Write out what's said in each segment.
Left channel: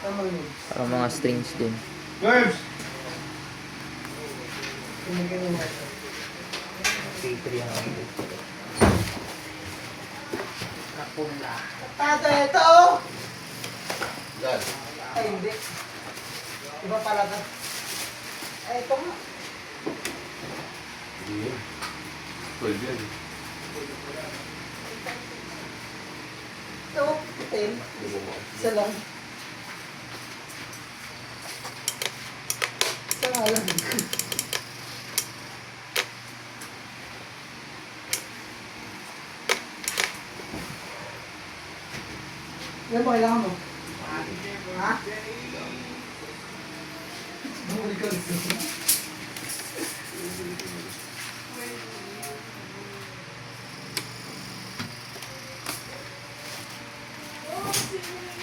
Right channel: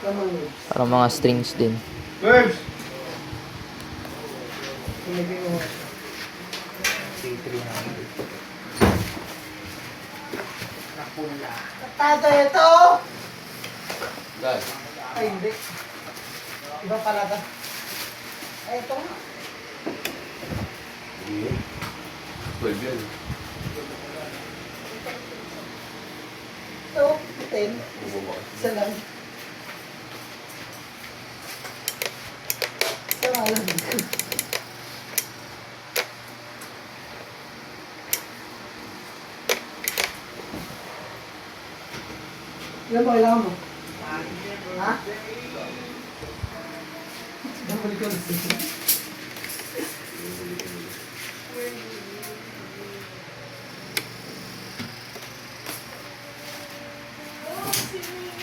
Para mga strings din. Verbs! P300. Kapula. Tato ito! Yan. Ay, hindi. Iba pala ba? Ay, ito nga. Hindi. 12 yan. Ito, 10. Isa lang. Isa nga lang. Yan ba kailangan mo? Ha?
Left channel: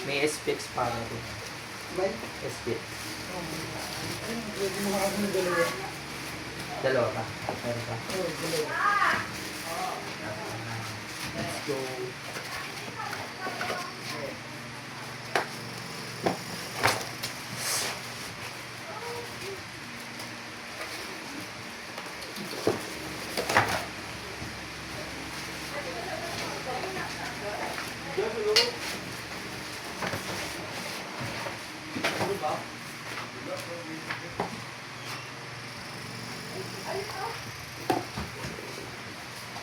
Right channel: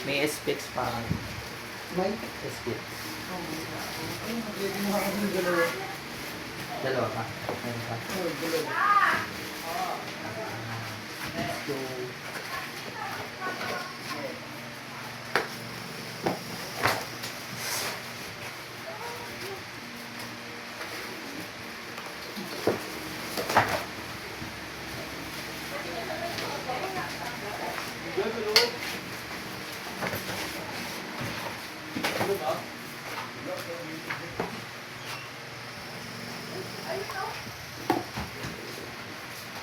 May SPX pa. May? SPX. Pwede mo ako ng dalawa. Dalawa pa. Meron pa. Oh, dalawa. Let's go.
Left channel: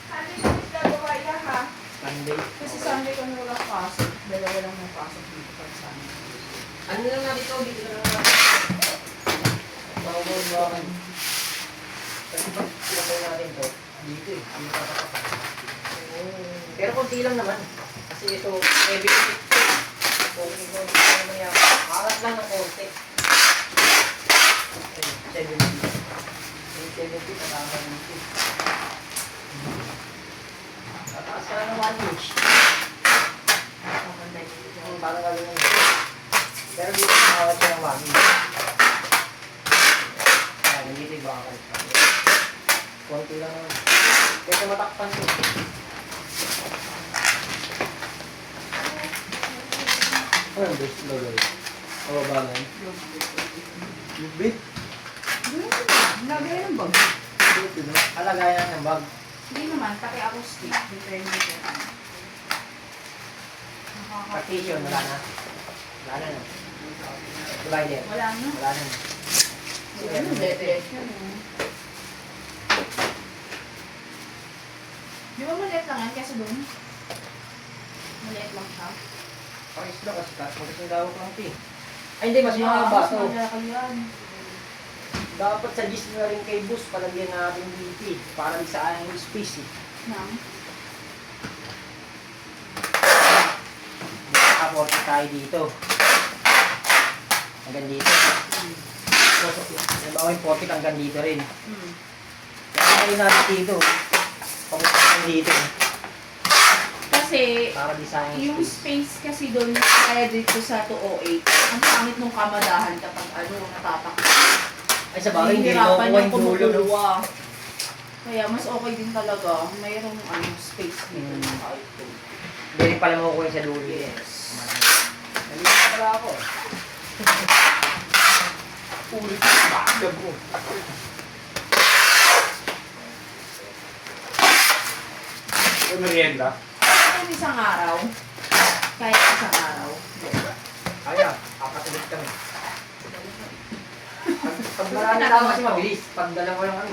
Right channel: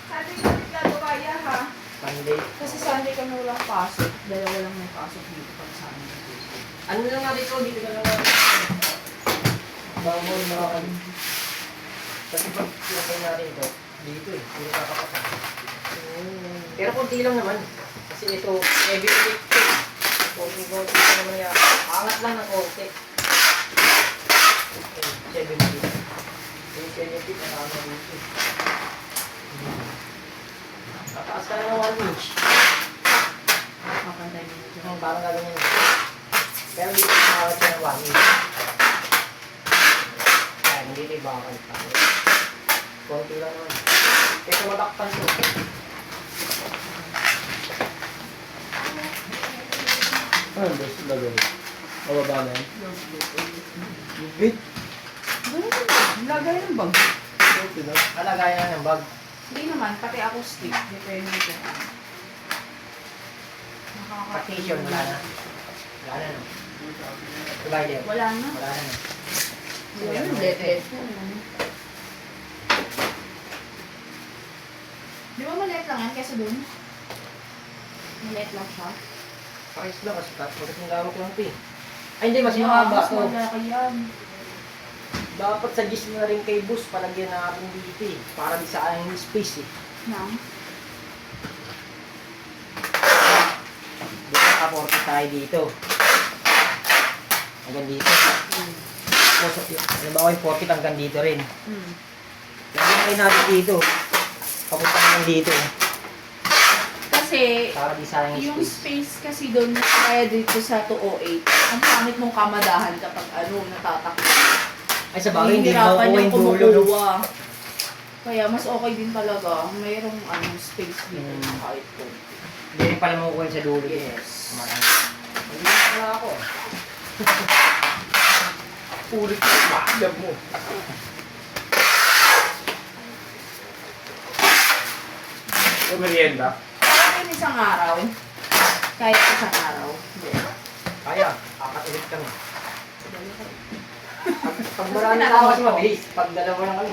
Sabi ko gagawa yan ha. Monday. Kasi Sunday kami walang pasok. Dalawa lang may pasok dito pag Sunday. Ano lang nga dito? Dito na lang. Bawal mo ako. Kasi pag pinapay natin ito, dito eh. Dito kapapaka. Pero konti lang naman. Kasi ito, heavy lift. Konti mamaya. Angat lang ng konti. 70. Yung 70, kasama dito. Tataas ka lang ng 1 inch. Makapantay mo dito. Ang parang gano'n yun. Pero dito nakawat siya ng 1 inch. Ah, nandito yung bakal pa. Konti lang naman. Kaya kung matakpan mo. Ano ang best bagay? Mababa na yun. Big? Lagay ng bag. Alagayan na yung bag. Hindi naman, pati ako stick. Depende ko. Partition, wala na. Wala na no. Divider. Wala na. Wala na no. Let. Di ba maliit lang yan kesa doon? Maliit lang siya. Pares lang kasi tapos yung gawag lang pi. Ay hindi, mas mahaba Mas no. malaki yan. Dapat sa gis na rin kay bus palagyan natin dito eh. Para di sa yung space eh. Na? Di ba kaporte tayo dito. Hanggang dito. So, yung bawang pocket hanggang dito rin. Lagyan natin dito. Tapos hanggang dito. Kasi, Para di sa yung space kasi doon kaya dito sa 208, ang pangit mong kamadahan kapag natatakot. Ay sa bagay, hindi Nahihirapan makukuha yung yung dulo. no? kumukuha. Kaya mas okay din talaga. Mayroong space dito Hmm. kahit doon. Hindi rin pala makukuha yung sa dulo. Yes. Hindi na pala ako. Ulit ko yung bagay mo. Merienda? Kahit isang araw. Kahit isang araw. Kaya, apat ulit kami. Pag marami tao kasi mabilis. Pag dalawa lang ano.